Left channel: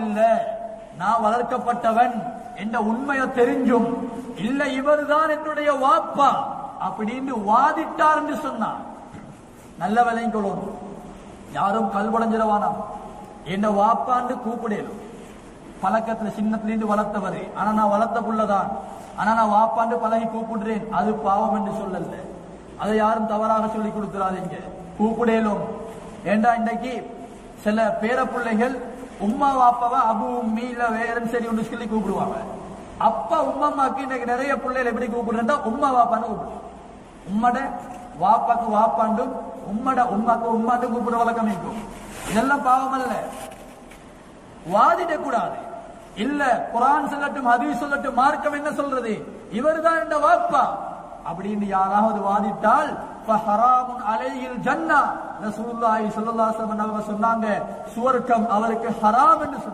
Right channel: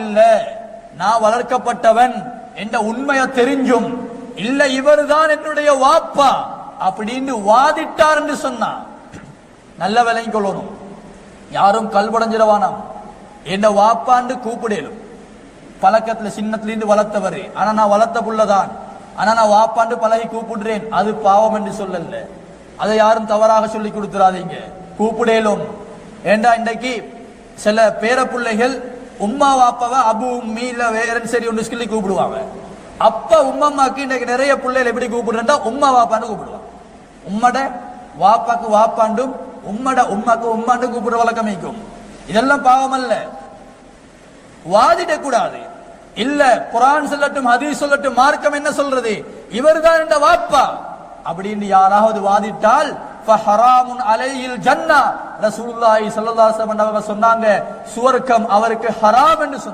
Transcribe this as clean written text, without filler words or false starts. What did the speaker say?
இல்ல நான் வளர்க்கப்பட்டவன் என்ற உண்மையை தெரிஞ்சும் இல்ல இவர்தான் என்னுடைய வாப்பா அப்படின்னு வாதிட்டார் என்று சொன்னான். நல்ல விலையும் கொள்ளணும், யாரும் கல்படைஞ்சிடவானாம். என்ன வாப்பான்னு கூப்பிடலும், பழக்கத்துல சின்னத்துல இருந்து வளர்த்தவரு, ஆனா நான் வளர்த்த புள்ளதான், ஆனா நான் வாப்பாண்டு பழகி கூப்பிடுறேன், அது பாவம் என்று சொல்லல. அதை யாரும் தவறாக சொல்லி கொடுத்துறாதீங்க, கூப்பிடலும். ஏண்டா இன்றைக்கு சில பேர பிள்ளைகள் உம்மா வாப்பாவை அபு உம்மி இல்ல வேற சரி ஒன்று சொல்லி கூப்பிடுவாங்க. அப்பா உம்மம்மாக்கு இன்றைக்கு நிறைய பிள்ளைகள் எப்படி கூப்பிடுறா உம்மா வாப்பான்னு கூப்பிடுவாங்க. உம்மட வாப்பாக்கு வாப்பாண்டும் உம்மட உம்மாக்கு உம்மாண்டு கூப்பிடுற வழக்கம் வைக்கும். இதெல்லாம் பாவம் அல்ல, வாதிடக்கூடாது. இல்ல குர்ஆன் சொல்லட்டும் ஹதீஸ் சொல்லட்டும் மார்க்கம் என்ன சொல்றது, இவர்தான் இந்த வாப்பா அப்படின்னு யாராவது வாதிட்டால் ஃபஹராமுன் அலைஹில் ஜன்னah, ரசூலுல்லாஹி ஸல்லல்லாஹு அலைஹி வஸல்லம் சொன்னாங்க, சுவர்க்கம் அவருக்கு ஹராம் என்று சொன்னாங்க.